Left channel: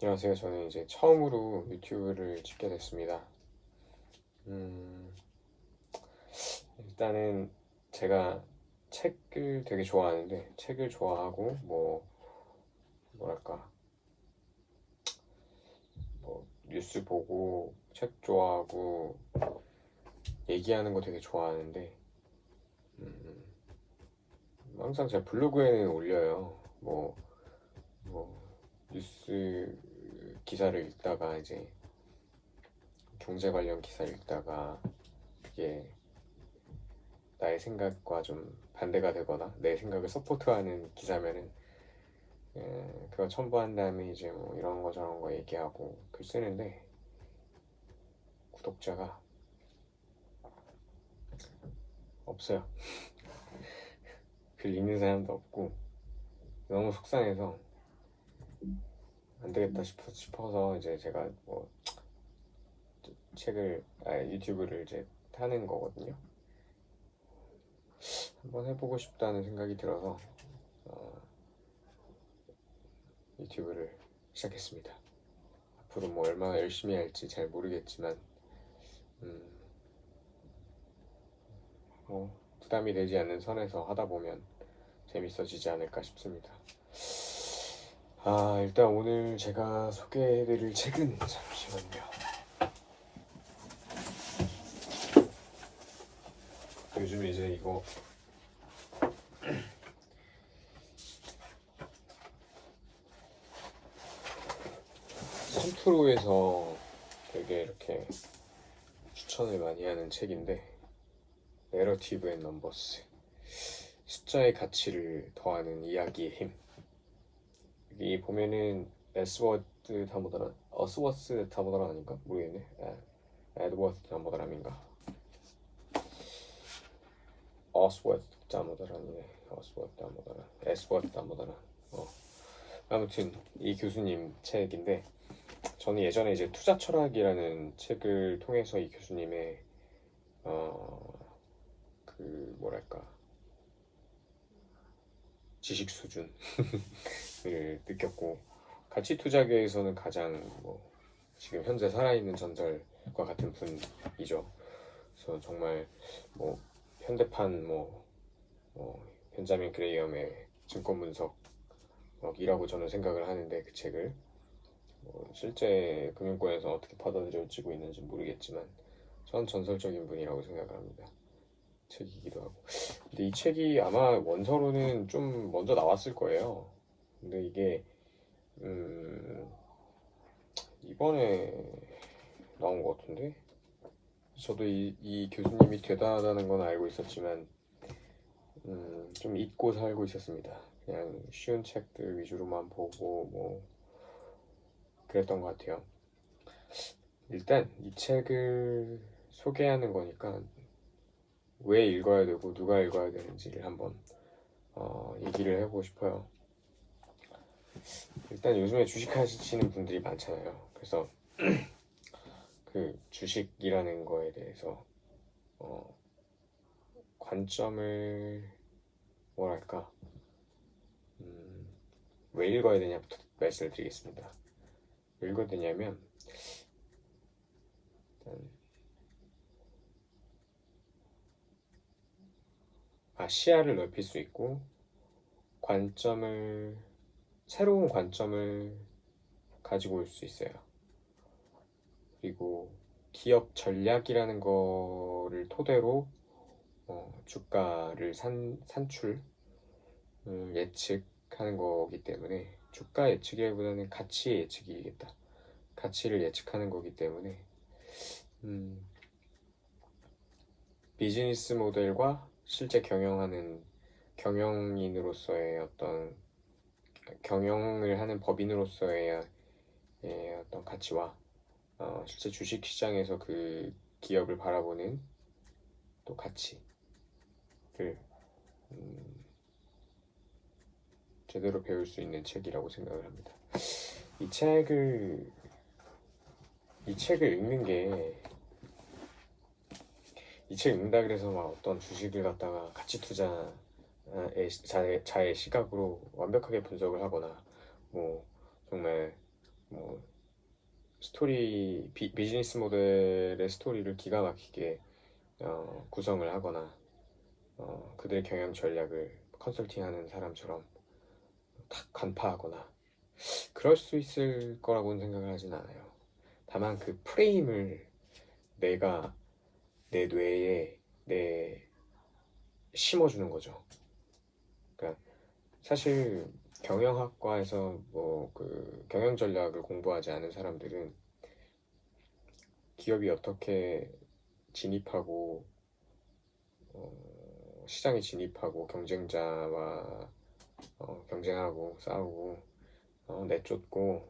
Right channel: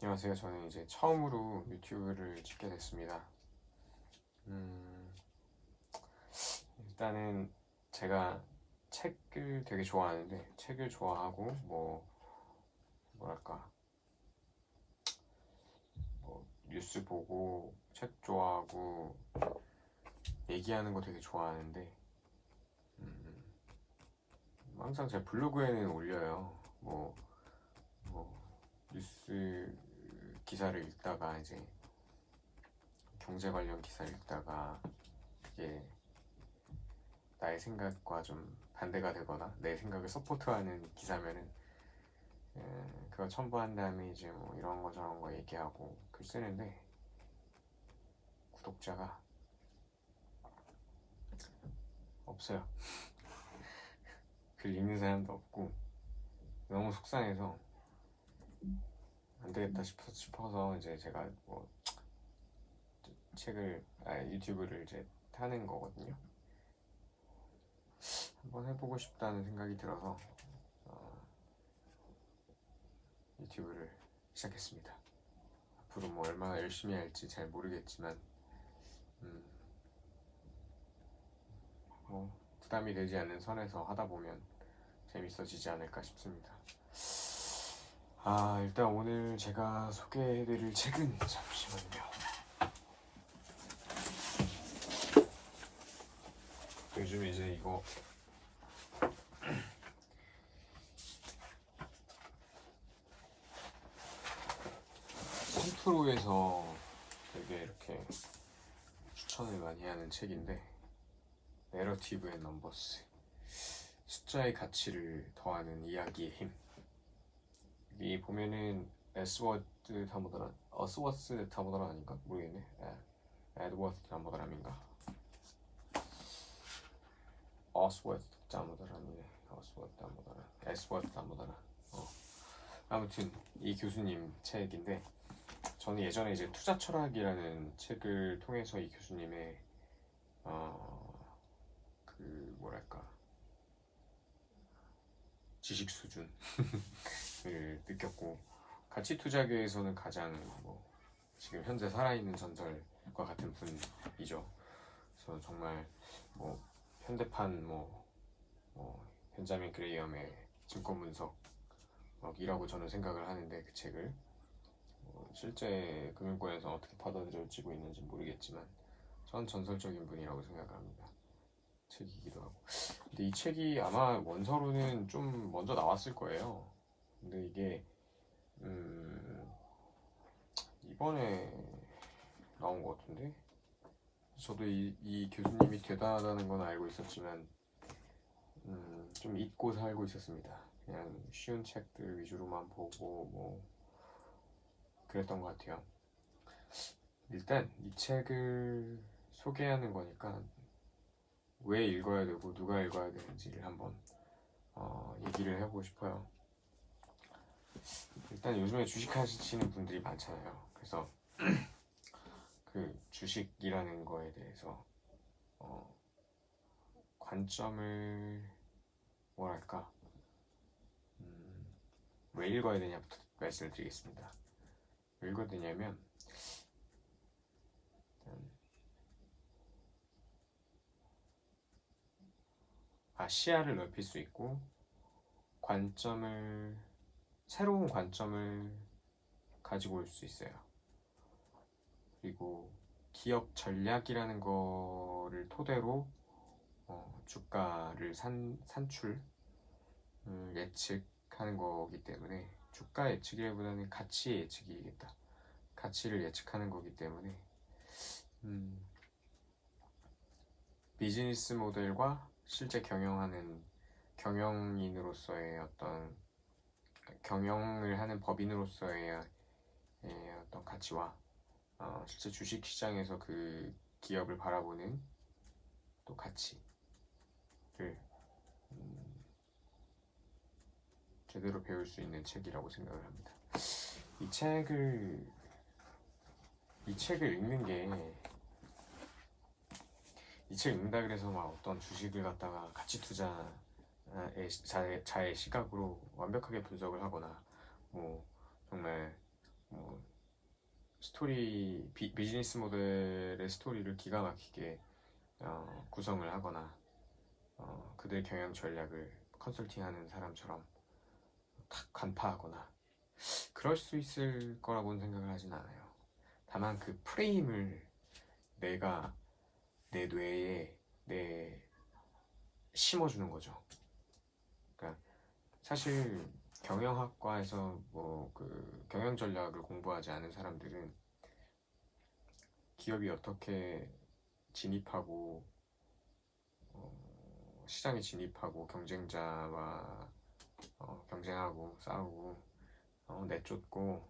안녕하세요. 저는 이제 처음으로 유튜브를 찍게 됐습니다. 음, 일단은 제가 책을 되게 좋아하는데, 책을 좋아하고 뭐랄까 뉴스 보고 책 좋아하고 얘기하는 거 되게 좋아하는데, 음, 항상 제 블로그에는 올려요. 뭐 뉴스 기사를 읽다가 이제 경제 관련 기사를 읽다가 그게 나의 생각과 좀 반대가 되거나 내 생각을 서포트하는 기사면은 그거 첨부한 다음에 이제 뭐 이런 거 저런 거 얘기하고 글 쓰는데, 구독자가 없어요. 글 읽는 사람도 없고 너무 속상해서 안 되겠다 싶어서 이제 제가 유튜브를 이제 하는 거거든요. 한번 해보고 싶다는 생각이 들어서 유튜브를 시작했습니다. 앞으로 뭐 얼마나 열심히 할지 잘 모르겠지만 음, 부담이 되지 않는 선에서 하다 보면 재밌어지지 않을까 싶습니다. 일단 오늘 제가 소개해드릴 책은, 잠시만요. 요즘 이제 이거 삼투로에서 되게 이렇게 추천을 많이 하는 책인데, 내러티브 앤 넘버스, 숫자의 가치를 더하는 이야기의 힘. 여기 보면은 어스워스 다모다란 아닌가? 모르겠네. 에드워드 다모다란인가? 어스워드 다모다란이네. 어스워드 다모다란, 에스워드 다모다란. 아무튼 이 교수님 책인데, 저는 예전에 이제 투자 철학이라는 책을 통해서 이 교수님의 그 뭐랄까 지식 수준을 느꼈고, 가치 투자계에서는 가장 지금 현재 살아있는 전설과 같은 분이죠. 그래서 정말 현대판 벤자민 그레이엄의 증권 분석이라고 저는 생각을 하는데, 그 책을 실제 금융권에서 어떻게 받아들여지고 있는지 모르겠지만 전 전설적인 분이라고 생각을 합니다. 책이기도 하고. 근데 이 책이 아마 원서로는 좀 먼저 나왔을 거예요. 근데 이게 이번에 나온 것 같은데, 저도 이 교수님이 대단하다는 건 알고 있었지만 좀 잊고 살고 있었습니다. 그냥 쉬운 책들 위주로만 보고 그랬던 것 같아요. 일단 이 책을 소개하는 거니까 왜 읽어야 되고 누가 읽어야 되는지를 한번 얘기를 해보고 싶어요. 일단 요즘에 주식하시는 분들이 많잖아요. 그래서 그 주식이라는 거에 대해서 관점을 뭐랄까 왜 읽어야 되냐부터 말씀을 드리겠습니다. 왜 읽어야 되냐면, 시야를 넓힐 수 있고 새로운 관점을 가지고 올 수 있어요. 그리고 기업 전략이라는 거를 토대로 주가를 산출 예측하는 거기 때문에, 주가 예측이보다는 가치 예측이겠다. 가치를 예측하는 거기 때문에 비즈니스 모델과 실제 경영하는 경영인으로서의 경영을 하는 법인으로서의 어떤 가치와 실제 주식 시장에서 그 기업을 바라보는 또 가치를 제대로 배울 수 있는 책이라고 생각을 합니다. 이 책을 읽는 게, 이 책 읽는다 그래서 막 어떤 주식을 갖다가 가치 투자의 자의 시각으로 완벽하게 분석을 하거나 정말 뭐 스토리 비즈니스 모델의 스토리를 기가 막히게 구성을 하거나 그들의 경영 전략을 컨설팅하는 사람처럼 탁 간파하거나 그럴 수 있을 거라고는 생각을 하진 않아요. 다만 그 프레임을 내가 내 뇌에 심어주는 거죠. 그러니까 사실 경영학과에서 뭐 그 경영 전략을 공부하지 않은 사람들은 기업이 어떻게 진입하고 시장에 진입하고 경쟁자와 경쟁하고 싸우고 내쫓고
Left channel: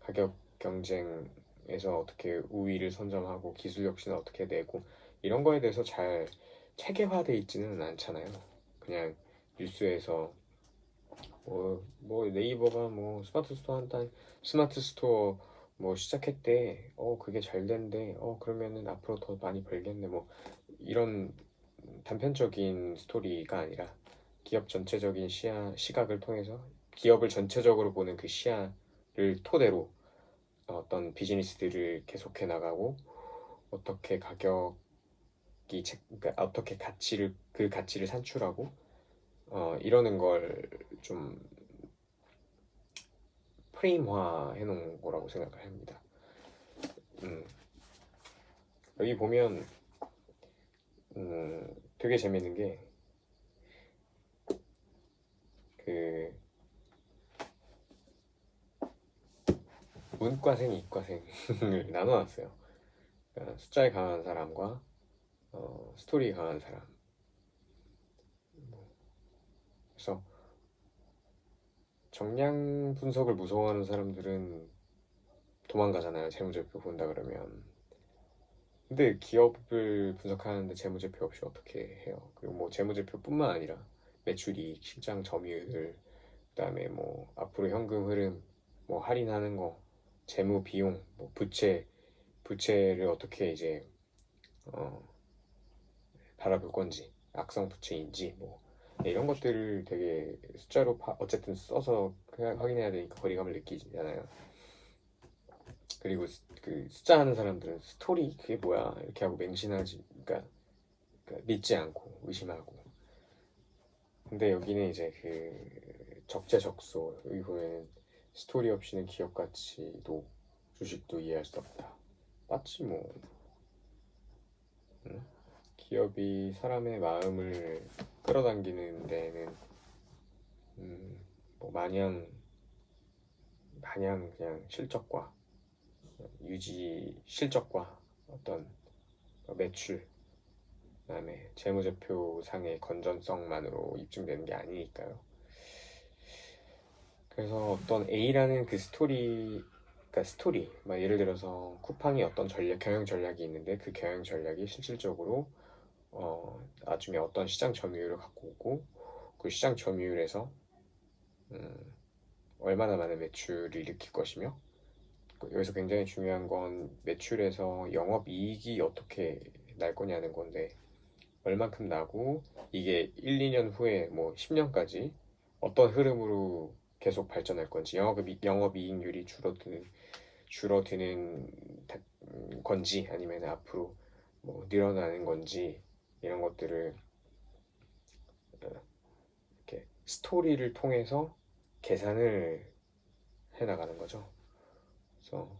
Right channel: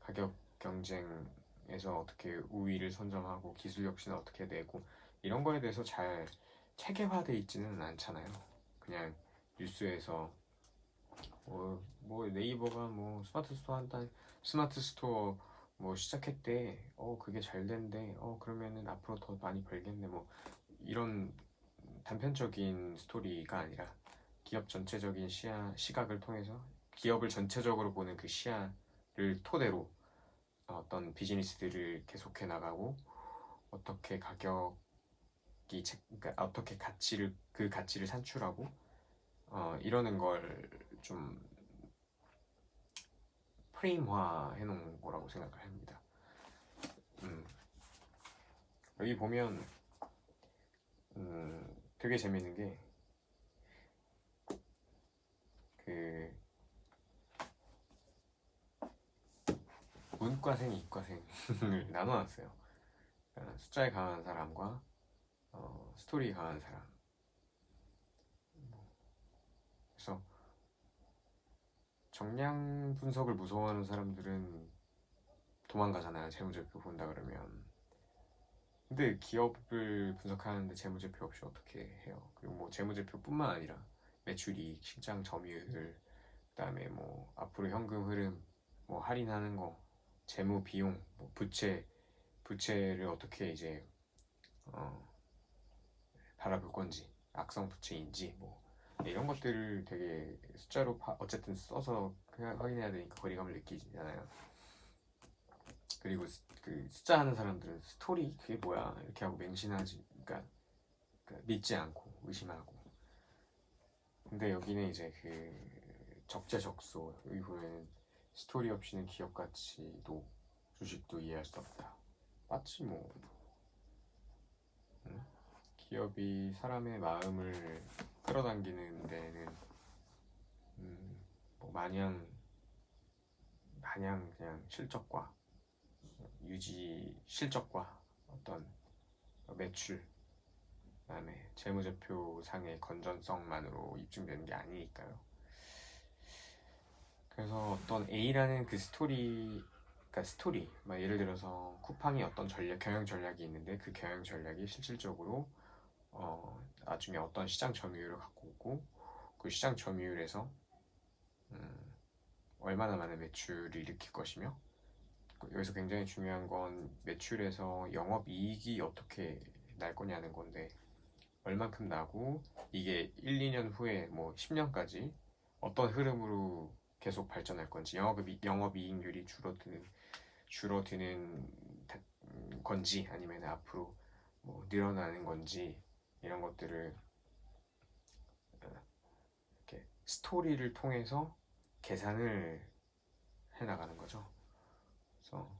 가격 경쟁에서 어떻게 우위를 선점하고 기술 혁신을 어떻게 내고 이런 거에 대해서 잘 체계화돼 있지는 않잖아요. 그냥 뉴스에서 뭐 네이버가 뭐 스마트 스토어 뭐 시작했대. 그게 잘 된대. 그러면은 앞으로 더 많이 벌겠네. 뭐 이런 단편적인 스토리가 아니라 기업 전체적인 시각을 통해서 기업을 전체적으로 보는 그 시야를 토대로 어떤 비즈니스들을 계속해 나가고 어떻게 그러니까 어떻게 그 가치를 산출하고 이러는 걸 좀 프레임화 해놓은 거라고 생각을 합니다. 여기 보면 되게 재밌는 게 그 문과생, 이과생을 나눠놨어요. 그러니까 숫자에 강한 사람과 스토리에 강한 사람. 그래서 정량 분석을 무서워하는 사람들은 도망가잖아요. 재무제표 본다 그러면. 근데 기업을 분석하는데 재무제표 없이 어떻게 해요? 그리고 뭐 재무제표뿐만 아니라 매출이익, 실장 점유율, 그다음에 뭐 앞으로 현금 흐름, 뭐 할인하는 거, 재무 비용, 뭐 부채를 어떻게 이제 바라볼 건지, 악성 부채인지 뭐 이런 것들을 되게 숫자로 어쨌든 써서 그냥 확인해야 되니까 거리감을 느끼잖아요. 그리고 그 숫자 하는 사람들은 스토리 그게 뭐야 이렇게 하고 맹신하지, 그러니까 믿지 않고 의심하고. 근데 여기는 이제 그 적재적소, 여기 보면 스토리 없이는 기업 가치도 주식도 이해할 수 없다. 맞지 뭐. 응? 기업이 사람의 마음을 끌어당기는 데는 뭐 마냥 그냥 실적과 유지 실적과 어떤 매출, 그다음에 재무제표상의 건전성만으로 입증되는 게 아니니까요. 그래서 어떤 A라는 그 스토리, 막 예를 들어서 쿠팡이 어떤 경영 전략이 있는데 그 경영 전략이 실질적으로 나중에 어떤 시장 점유율을 갖고 오고 그 시장 점유율에서 얼마나 많은 매출을 일으킬 것이며, 여기서 굉장히 중요한 건 매출에서 영업이익이 어떻게 날 거냐는 건데 얼만큼 나고 이게 1, 2년 후에 뭐 10년까지 어떤 흐름으로 계속 발전할 건지, 영업이익률이 줄어드는 건지 아니면 앞으로 뭐 늘어나는 건지 이런 것들을 이렇게 스토리를 통해서 계산을 해나가는 거죠. 그래서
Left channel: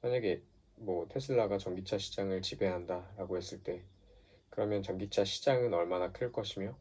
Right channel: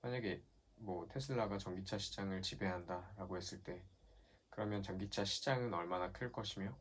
만약에 뭐 테슬라가 전기차 시장을 지배한다라고 했을 때 그러면 전기차 시장은 얼마나 클 것이며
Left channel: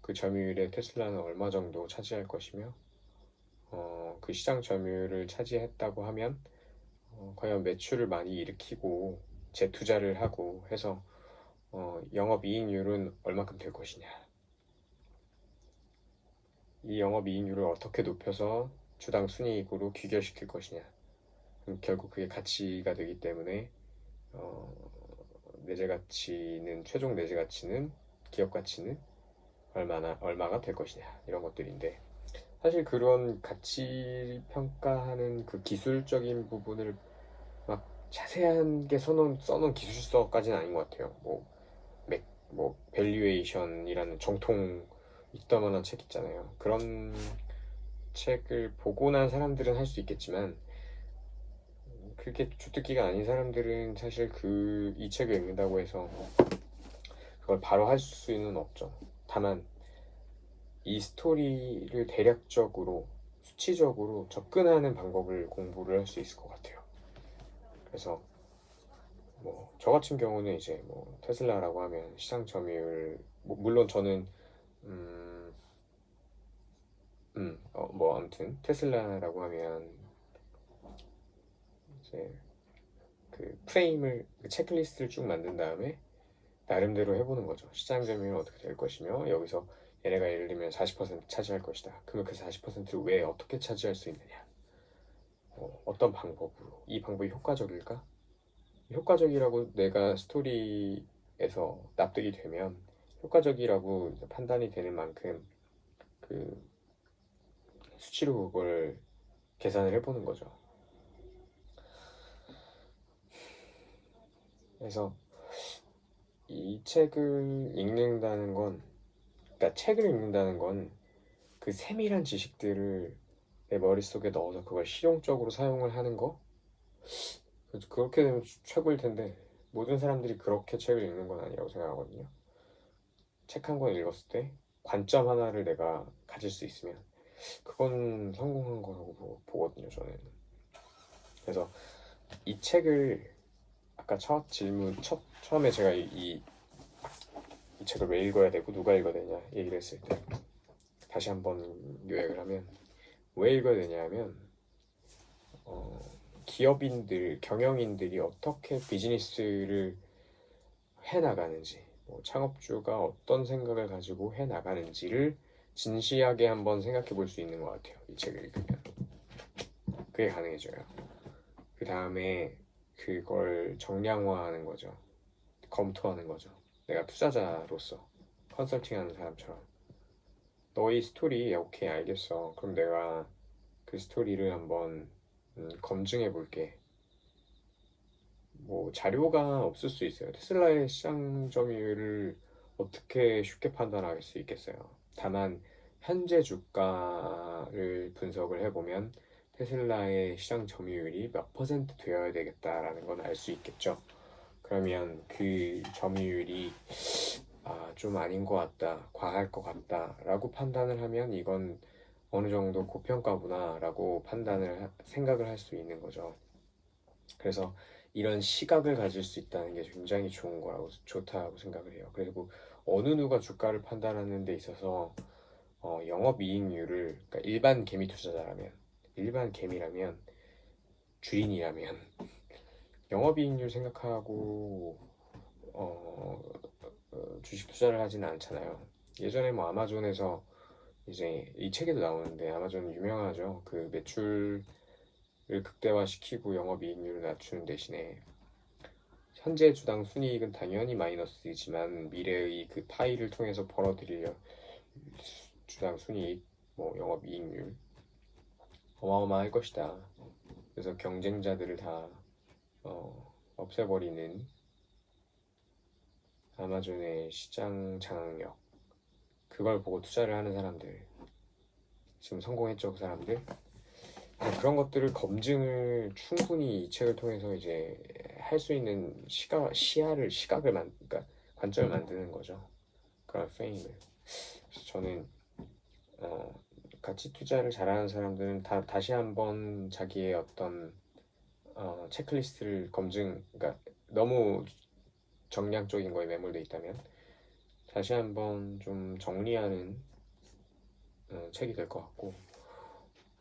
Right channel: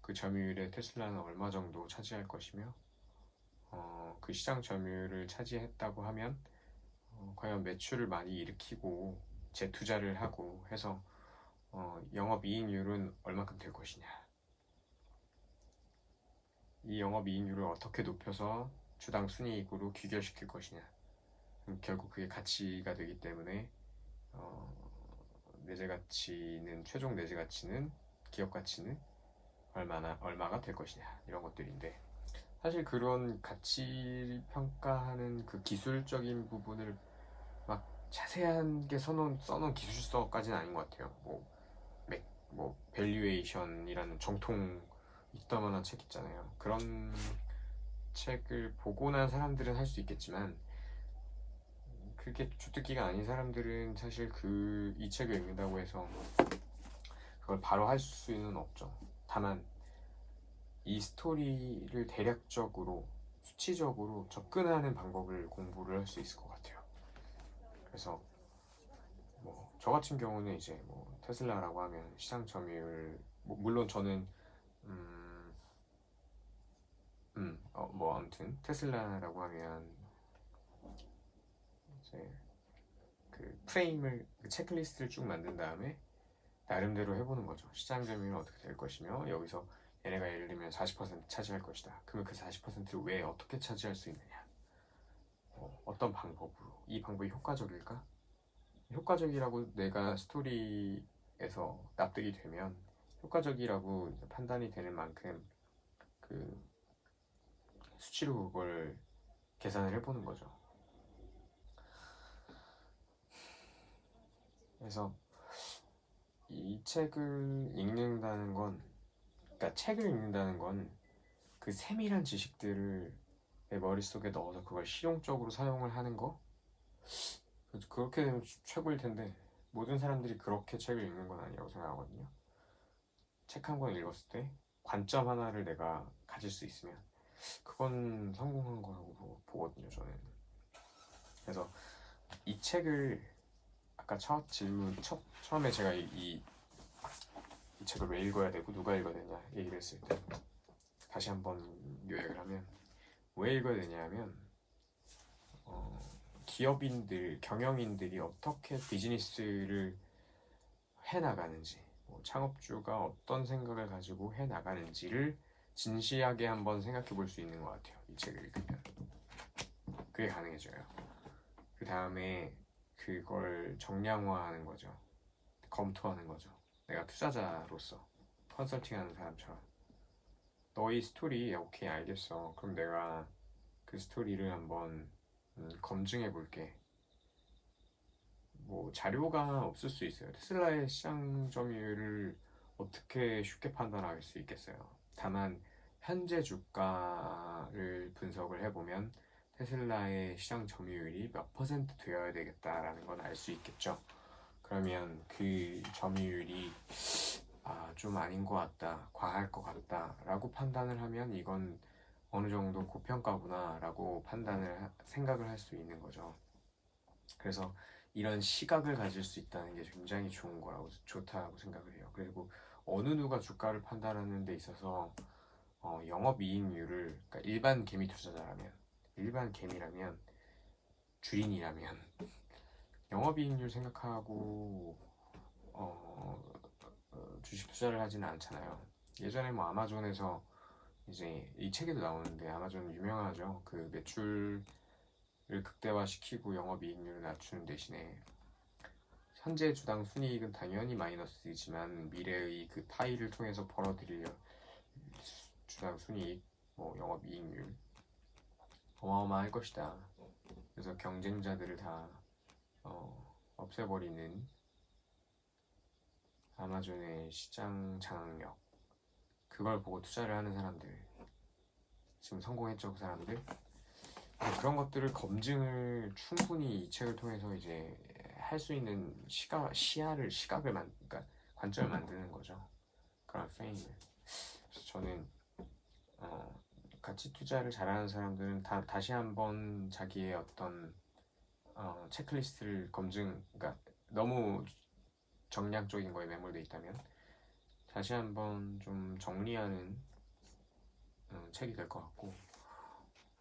그 점유율에 테슬라는 얼마 정도 차지할 것이며 그 시장 점유율을 차지했다고 하면 과연 매출을 많이 일으키고 재투자를 하고 해서 영업이익률은 얼마큼 될 것이냐, 이 영업이익률을 어떻게 높여서 주당 순이익으로 귀결시킬 것이냐, 결국 그게 가치가 되기 때문에 최종 내재 가치는 기업 가치는 얼마가 될 것이냐, 이런 것들인데 사실 그런 가치 평가하는 그 기술적인 부분을 막 자세하게 써놓은 기술서까지는 아닌 것 같아요. 뭐 밸류에이션이라는 정통 이따만한 책 있잖아요. 그런 책을 보고 난 사람들은 할 수 있겠지만 그렇게 주특기가 아닌 사람들은 사실 이 책을 읽는다고 해서 그걸 바로 할 수는 없죠. 다만 이 스토리를 대략적으로 수치적으로 접근하는 방법을 공부를 할 수 있을 것 같아요. 그래서 뭐 저 같은 경우는 이제 뭐 테슬라라고 하면 시장 점유율, 물론 저는 뭐 아무튼 테슬라라고 하면 이제 그 프레임을, 그 체크리스트를 쭉 만든 다음에 나름대로 해보는 거죠. 시장 점유율은 어떻게 될 것이며, 여기서 얘네가 예를 들면 40% 차지할 것이다. 그러면 그 40%를 왜 어떻게 차지할 수 있느냐? 어떤 방법으로? 이 방법이 효과적일까? 효과적이라고 내가 스토리에서 납득이 되면 효과적이라고 판단이 되는 만큼 그 수치로 그걸 계산을 해보는 거죠. 그래서 이 책을 읽는다는 건, 그러니까 책을 읽는다는 건 그 세밀한 지식들을 내 머릿속에 넣어서 그걸 실용적으로 사용을 하는 거? 그렇게 되면 최고일 텐데 모든 사람들이 그렇게 책을 읽는 건 아니라고 생각하거든요. 책 한 권 읽었을 때 관점 하나를 내가 가질 수 있으면 그건 성공한 거라고 보거든요, 저는. 그래서 이 책을 아까 처음에 제가 이 책을 왜 읽어야 되고 누가 읽어야 되냐 얘기를 했을 때 다시 한번 요약을 하면, 왜 읽어야 되냐 하면 기업인들, 경영인들이 어떻게 비즈니스를 해나가는지, 창업주가 어떤 생각을 가지고 해나가는지를 진지하게 한번 생각해 볼 수 있는 것 같아요. 이 책을 읽으면 그게 가능해져요. 그 다음에 그걸 정량화하는 거죠. 검토하는 거죠. 내가 투자자로서 컨설팅하는 사람처럼 너희 스토리 오케이 알겠어. 그럼 내가 그 스토리를 한번 검증해 볼게. 뭐 자료가 없을 수 있어요. 테슬라의 시장 점유율을 어떻게 쉽게 판단할 수 있겠어요. 다만 현재 주가를 분석을 해보면 테슬라의 시장 점유율이 몇 퍼센트 되어야 되겠다라는 건 알 수 있겠죠. 그러면 그 점유율이 좀 아닌 것 같다, 과할 것 같다 라고 판단을 하면 이건 어느 정도 고평가구나 라고 생각을 할 수 있는 거죠. 그래서 이런 시각을 가질 수 있다는 게 굉장히 좋다고 생각을 해요. 그리고 어느 누가 주가를 판단하는 데 있어서 영업이익률을, 그러니까 일반 개미라면, 주인이라면 영업이익률 생각하고 주식 투자를 하지는 않잖아요. 예전에 뭐 아마존에서 이제 이 책에도 나오는데, 아마존 유명하죠. 그 매출을 극대화시키고 영업이익률을 낮추는 대신에 현재 주당 순이익은 당연히 마이너스이지만 미래의 그 파이를 통해서 벌어들일 주당 순이익, 뭐 영업이익률 어마어마할 것이다. 그래서 경쟁자들을 다 없애버리는 아마존의 시장 장악력, 그걸 보고 투자를 하는 사람들, 지금 성공했죠, 그 사람들. 그런 것들을 검증을 충분히 이 책을 통해서 이제 할 수 있는 그러니까 관점을 만드는 거죠. 그런 프레임을. 그래서 저는 가치 투자를 잘하는 사람들은 다시 한번 자기의 어떤 체크리스트를 그러니까 너무 정량적인 거에 매몰돼 있다면 다시 한번 좀 정리하는 책이 될 것 같고,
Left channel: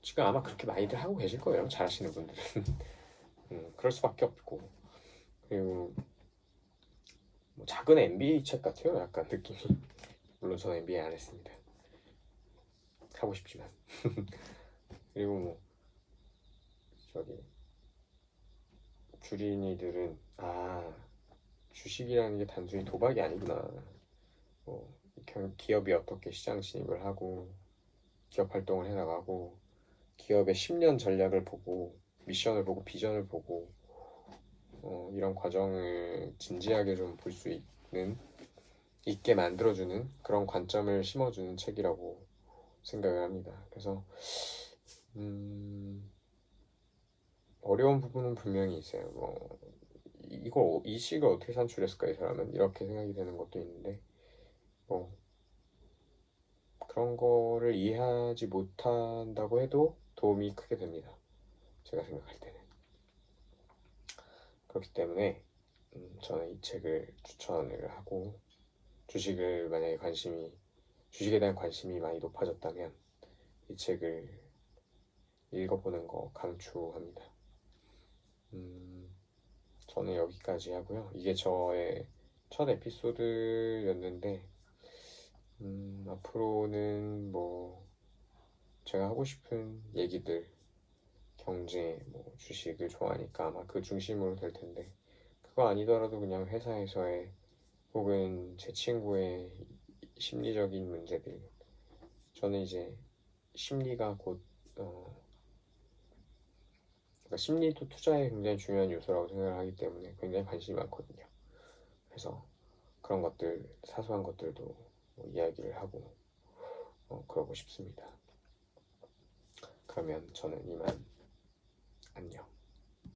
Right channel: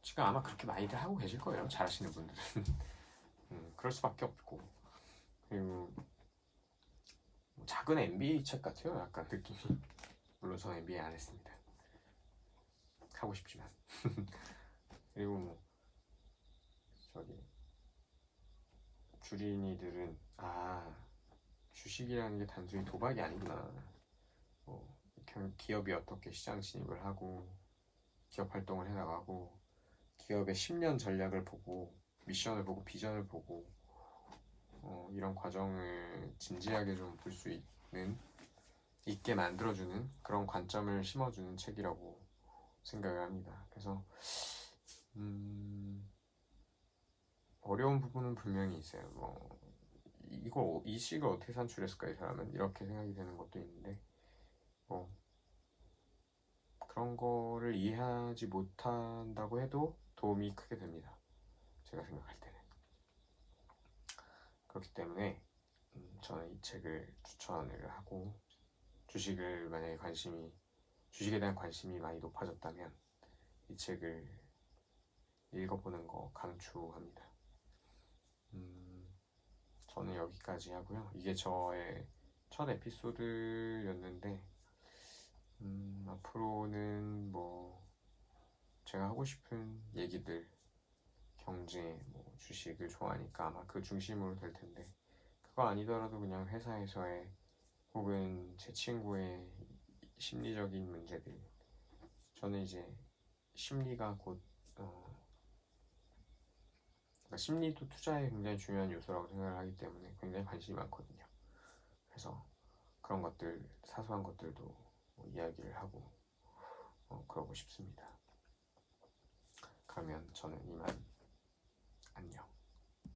지금 아마 그렇게 많이들 하고 계실 거예요, 잘하시는 분들은. 그럴 수밖에 없고, 그리고 뭐 작은 MBA 책 같아요, 약간 느낌이. 물론 저는 MBA 안 했습니다. 하고 싶지만. 그리고 뭐 저기 주린이들은 주식이라는 게 단순히 도박이 아니구나. 기업이 어떻게 시장 진입을 하고 기업 활동을 해나가고 기업의 10년 전략을 보고 미션을 보고 비전을 보고 이런 과정을 진지하게 좀 볼 수 있게 만들어주는 그런 관점을 심어주는 책이라고 생각을 합니다. 그래서 어려운 부분은 분명히 있어요. 뭐 이 식을 어떻게 산출했을까 이 사람은 이렇게 생각이 되는 것도 있는데 뭐 그런 거를 이해하지 못한다고 해도 도움이 크게 됩니다. 제가 생각할 때는. 그렇기 때문에 저는 이 책을 추천을 하고 주식에 대한 관심이 많이 높아졌다면 이 책을 읽어보는 거 강추합니다. 저는 여기까지 하고요. 이게 저의 첫 에피소드였는데 앞으로는 뭐 제가 하고 싶은 얘기들 경제, 뭐 주식을 좋아하니까 아마 그 중심으로 될 텐데 그거 아니더라도 그냥 회사에서의 혹은 제 친구의 심리적인 문제들 저는 이제 심리가 곧 그러니까 심리도 투자에 굉장히 중요한 요소라고 생각을 하기 때문에 굉장히 관심이 많거든요. 그래서 그런 것들 사소한 것들도 이야기를 하고 그러고 싶습니다. 그러면 저는 이만 안녕.